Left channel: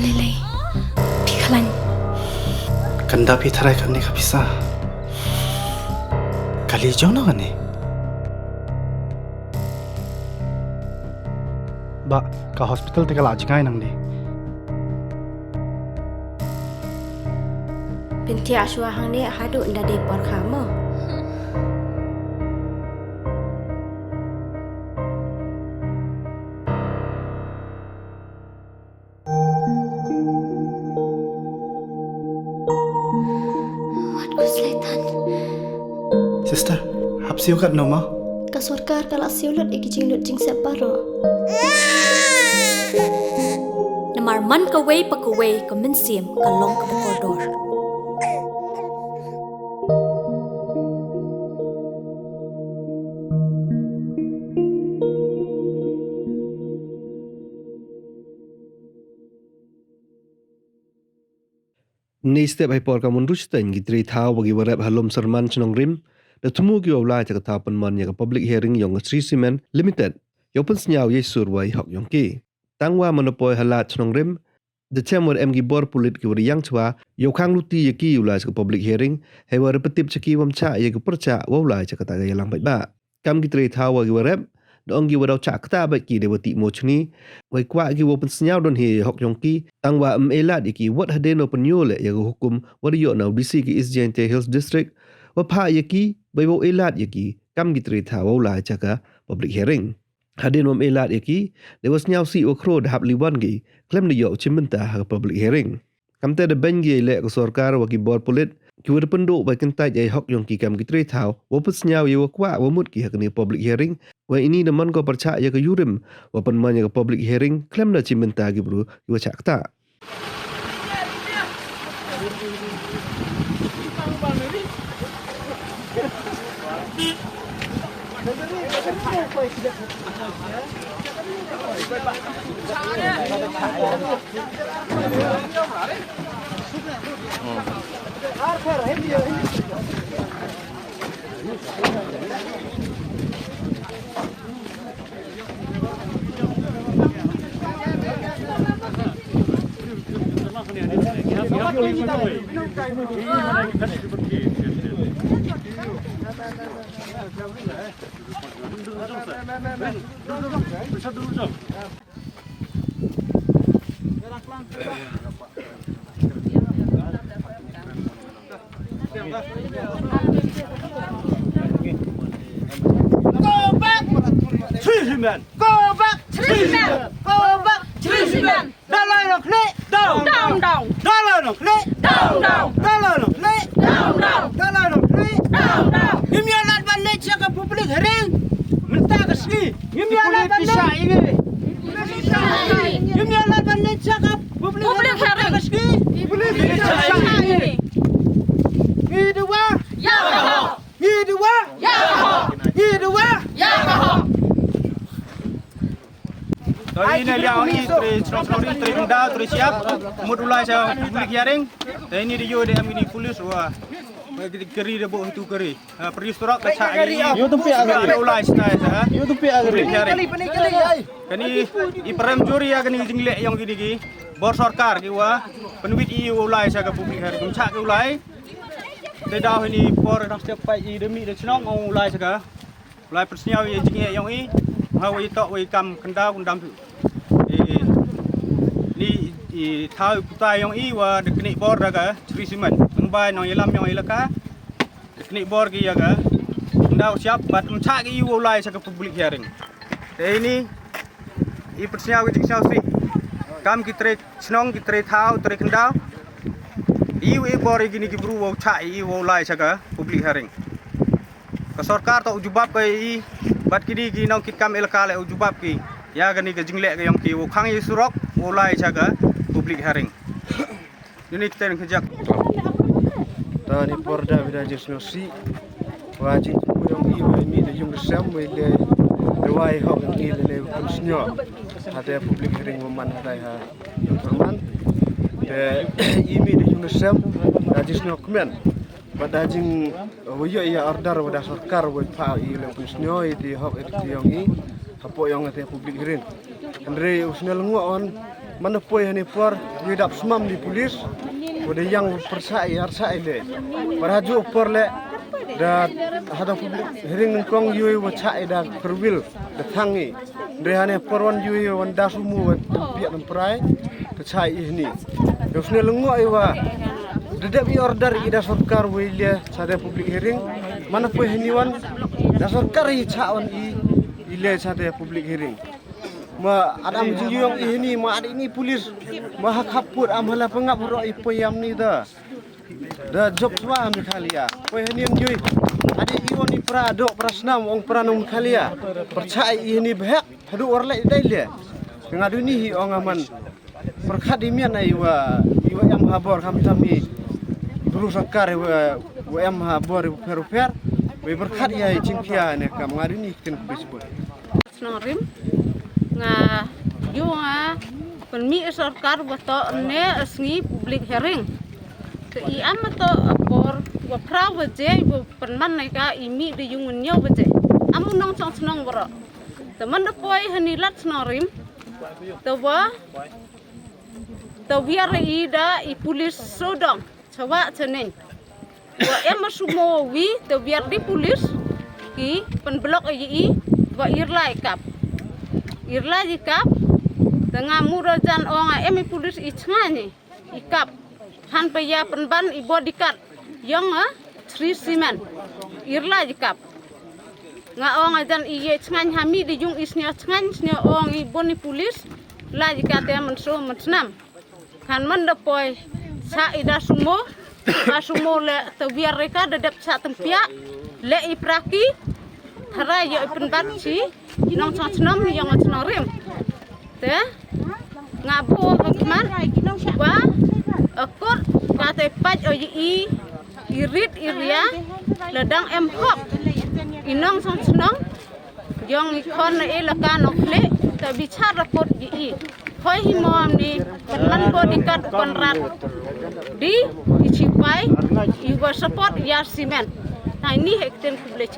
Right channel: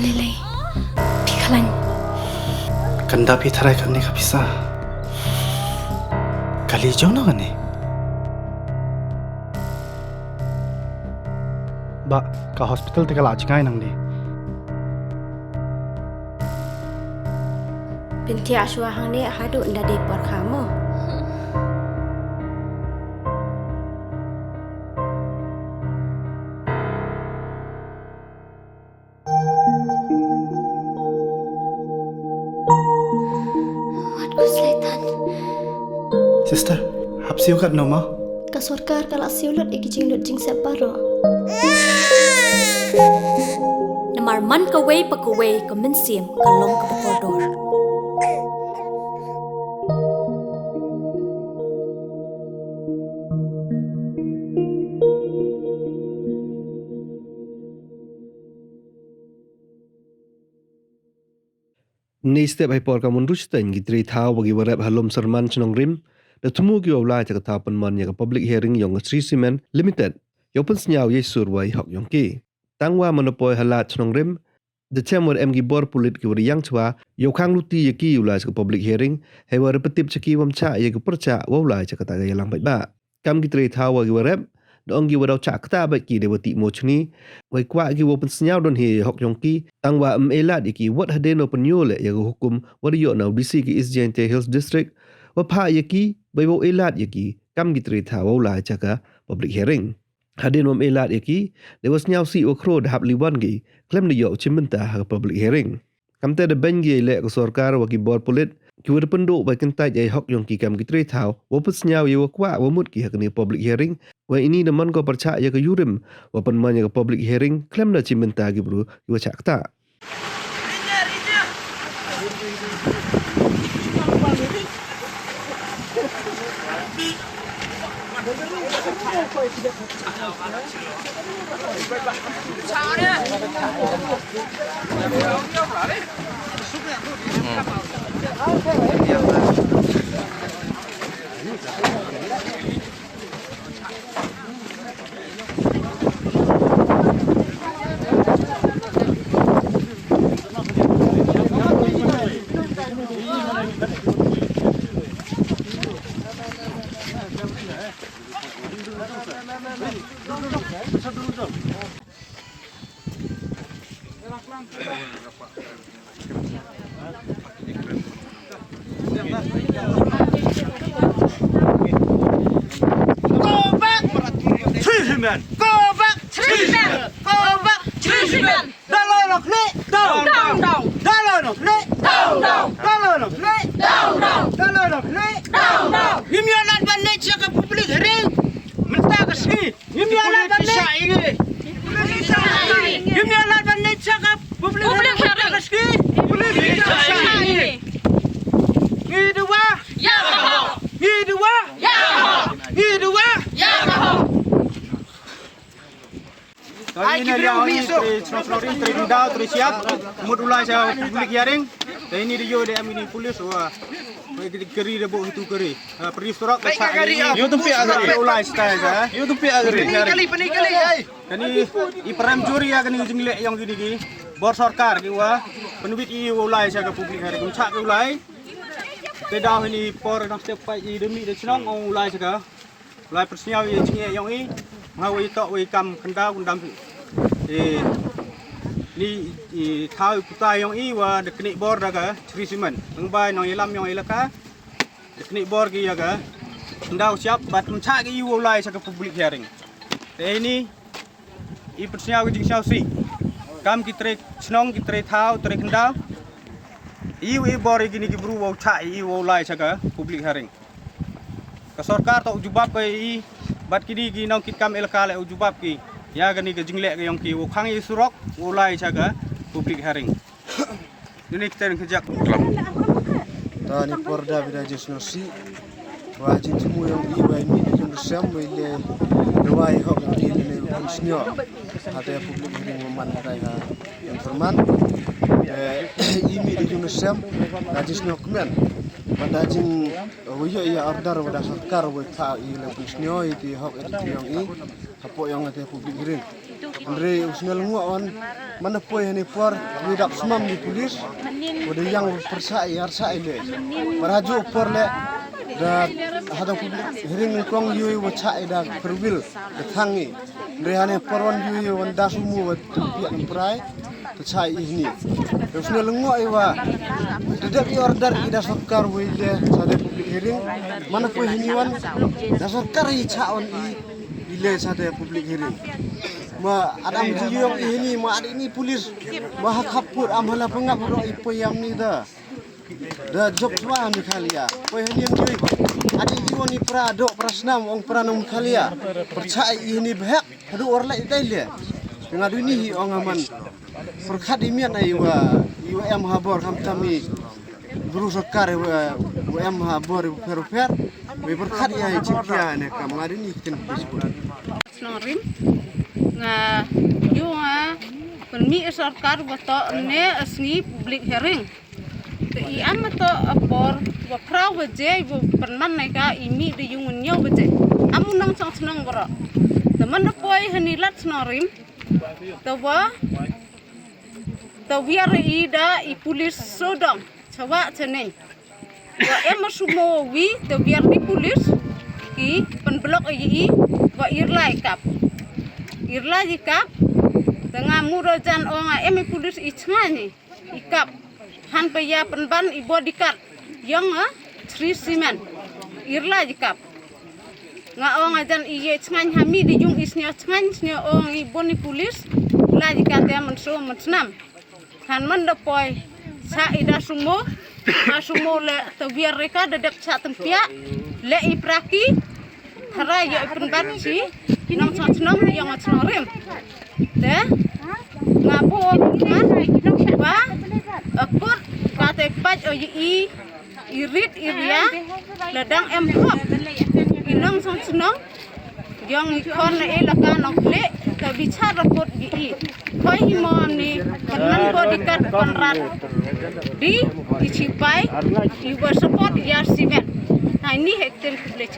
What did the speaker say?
Lily, Pikalan. Kanda pitharai karne ka bisa. Kali jauh na kane. Ba, ka hospital te kala ajkai nang ni. Binti aswa hang ni hadu nda de por kamu. Sister, hapsi ukat no ma? Ka sarkar kala siulut ikijing lut jing separo. Namar man ka way pa ka way ka minsim ka long ka koridor. Ni step hai por ka mun rustain gitri thau bagi warap halom sarman chnong rim da thumu ki awla cha ka pan man ya ka public hearing yong Sri Cement Limited yopen snyau ye surwai hok yong ki tangwa monopoi halat chnong rim the chamber em gi bor pulit ki wari yang chwa yo khang luti ye ki awla cha ka public hearing hai war petip cha ki wam cha ye ka percha awla cha ka ta ga lang bai ba kam gitri thau bagi warap dong gi wadau cha kta ba ki dewati mochni wai kwa gi wopen snyau don he hok yong ki tangwa elat ki wat hadeno penyole ya hukum wariyo na DC ki Isjente Hills District wa pha ye ki bai wo elat ye ki kam gitri tha wo la cha ka public hearing hadeno elat ye ki there was nyau si o khro hap liwan gi klem ne yo chimenta ha public hearing kam te de bengi le ko sarkar wa ki bor pulit ki wad penduk bai kentai ai hok yong ki kam gitri tha wo pus nyau ye wa kwa wa mut ki ha ni public hearing wa ini de man ko percha ya ka yurim wa pen man ya ka public hearing klem na chimenta gi bru wa cha kta Treatment! Go back! Treatment! Go back! Treatment! Down of knee! Down! Down! Down! Down of knee! Down! Down! Down of knee! Down! Down! Down of knee! Down! Down! Himyalan bandit siya ka public hearing! Minta kasi! Himyalan bandit! Himyalan bandit siya ka public hearing! Public hearing! Ngidua! Yamaha! Ngidua! Yamaha! Ngidua! Yamaha! Dari ini dia ini terus terkenal terus siap mudulai saya public hearing. Dan ini dia ini polis wah keri dia bawa itu keri. Pergi surat baca ini. Yo tempi agak ulai saya. Yo tempi agak kali. Kani i peram juri ya kani jinglek yang gini bor sarkar ki wah penuit i ulai saya ke public hearing. Baca ke ulai. Dedah ini por nak step pai i demi de chnong ulai saya. Ulai persnya jinglek yang ini. Hawai tok wai kam kanda kundam ni thau putai yang i wa deknik bor daga Sri Cement ngbai no yelam yang ilaka deknik bor ki ya ga kanda siap bat mcha ki ulai sa public hearing te ini i persnya ki jingsau si kam ki trek chnong ki tre thau tre kanda i bor ki ni ki bru wa cha i ulai sa public hearing ka sarkar tok jubab ke i bat kini ki nong kit kam elka le ujubab ki ya gani ke jinglek ke yang ki wo khang yi surok ulai chaga public hearing ini kita ngejak ta ni porda bida jesnosi wajin tumu yang i wa mi de jung sam we le dewai hok ni le kunsnyo ada public hearing man kai ha informan de i mi de jung sam jesno kmen pada jing woyo ya order wada sarkar wa ta i le kunsnyo i di hok di yang i hapo yang ate public hearing andre usnal nguon mana poi hani por lidap semam di polis udah yang persai harsa ile beraju por le da hada publik hering kong yui wacha ida perwil ketangi rehane porwan yui wan dasumu wat tempiak temprai tachai ini dosne lengo iwa dedap order ida sarkar wile sade publik hering mana poi heniwan da sarkar i chawan i ile sade publik hering ma adam jiyong ini ma ada ini polis ma kapur amhala pengapuro ipoyam ni da job semua ambil khalia poi heniam yui ada iwon i prado prasnam ong pranum khalia percaya ini behak hadu orle daile ngadu ni hi ong aman perkhat imian aiwa iwa am habor kam tami buru sakar wa am habor per we perkhat ya cingkia ne kam ngadu ni ken bisbol snorim nga junga penmi sarkar bato ne asngi public hearing i am to apor wa praw je penman nai ka imi de jungun nyo je amu nong song snong bro teman de poi hanilat snorim to biar ida i pulis sodong coba ceneng wa em sumo wi to biar di pulis ki penblok i wa irlai kap irlai kap tengah murajan onga em pulis i chani ikap han paya penban i bodyguard yang Sri Simen irlai kap nga onga jan i chang hami di jung isnya chang snya ong i boni pulis lagi kate menso mensnam kan mendepoi sa ida sumo asumo le to biar reka dedap sa tempia le i praki thara ya penbat si nong chang yang snorim te ngapo man ba akut kate paj o i irit iria ledang em hop inong snong yang ikon le laka nok le to bicara kot i koi himom ni penman bodyguard konrad di icipai iwa support ya simen nah ini hekten publik